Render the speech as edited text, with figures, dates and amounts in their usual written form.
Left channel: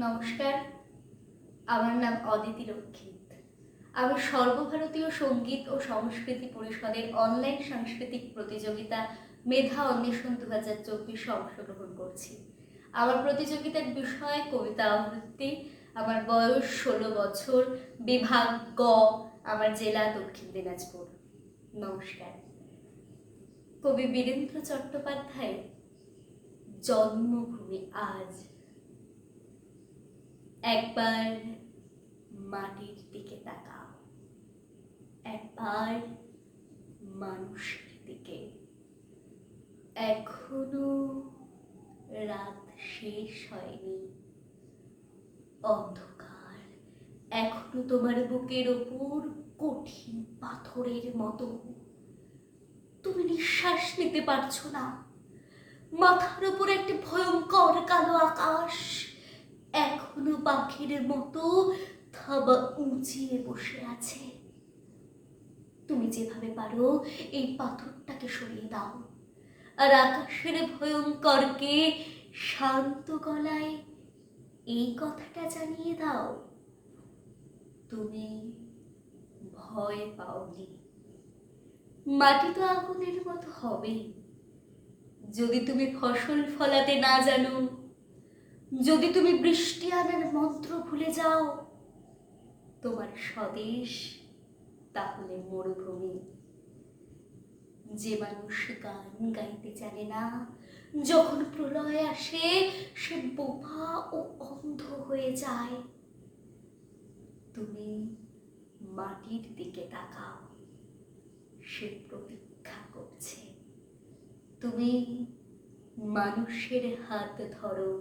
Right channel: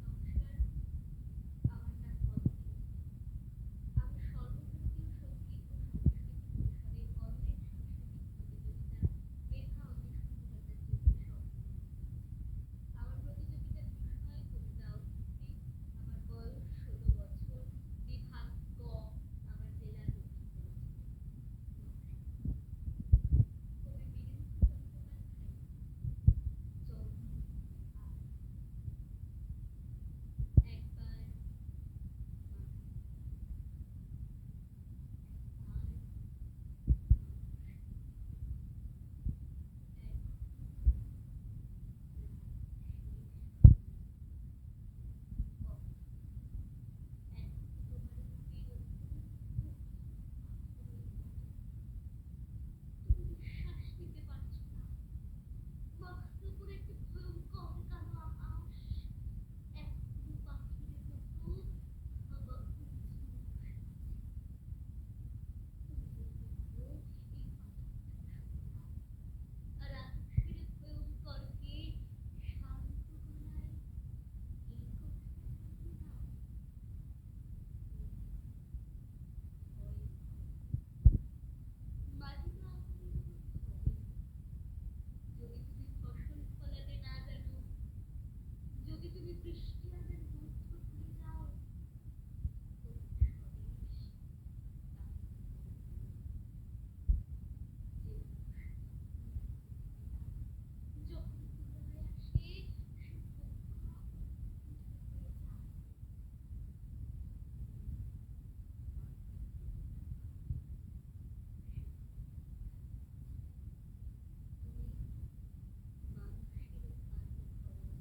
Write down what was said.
নমস্কার, আমার নাম অদিতি রক্ষিত। আমি সর্বভারতীয় সঙ্গীত ও সংস্কৃতি পরিষদের অনলাইন সাংস্কৃতিক প্রতিযোগিতা মেধা অন্বেষণ 2024 অংশগ্রহণ করছি। আমার প্রতিযোগিতার বিষয় কবিতা আবৃত্তি। আমার বয়স 16 বছর, বিভাগ গ, আমার জেলা দক্ষিণ দিনাজপুর। নমস্কার। কবি বীরেন্দ্র চট্টোপাধ্যায় জন্মভূমি আজ। একবার মাটির দিকে তাকাও, একবার মানুষের দিকে। এখনো রাত শেষ হয়নি, অন্ধকার এখনো তোমার বুকের ওপর কঠিন পাথরের মতো। তুমি নিঃশ্বাস নিতে পারছো না। মাথার উপর একটি ভয়ঙ্কর কালো আকাশ এখনো পাখির মতো থাবা উঁচিয়ে বসে আছে। তুমি যেভাবে পারো এই পাথরটাকে সরিয়ে দাও, আর আকাশের ভয়ঙ্করকে শান্ত গলায় এই কথাটা জানিয়ে দাও, তুমি ভয় পাওনি। মাটি তো আগুনের মতো হবে যদি তুমি ফসল ফলাতে না জানো, যদি তুমি বৃষ্টি আনার মন্ত্র ভুলে যাও। তোমার স্বদেশ তাহলে মরুভূমি। যে মানুষ গান গাইতে জানে না, যখন প্রলয় আসে সে বোবা ও অন্ধ হয়ে যায়। তুমি মাটির দিকে তাকাও, সে প্রতীক্ষা করছে। তুমি মানুষের হাত ধরো,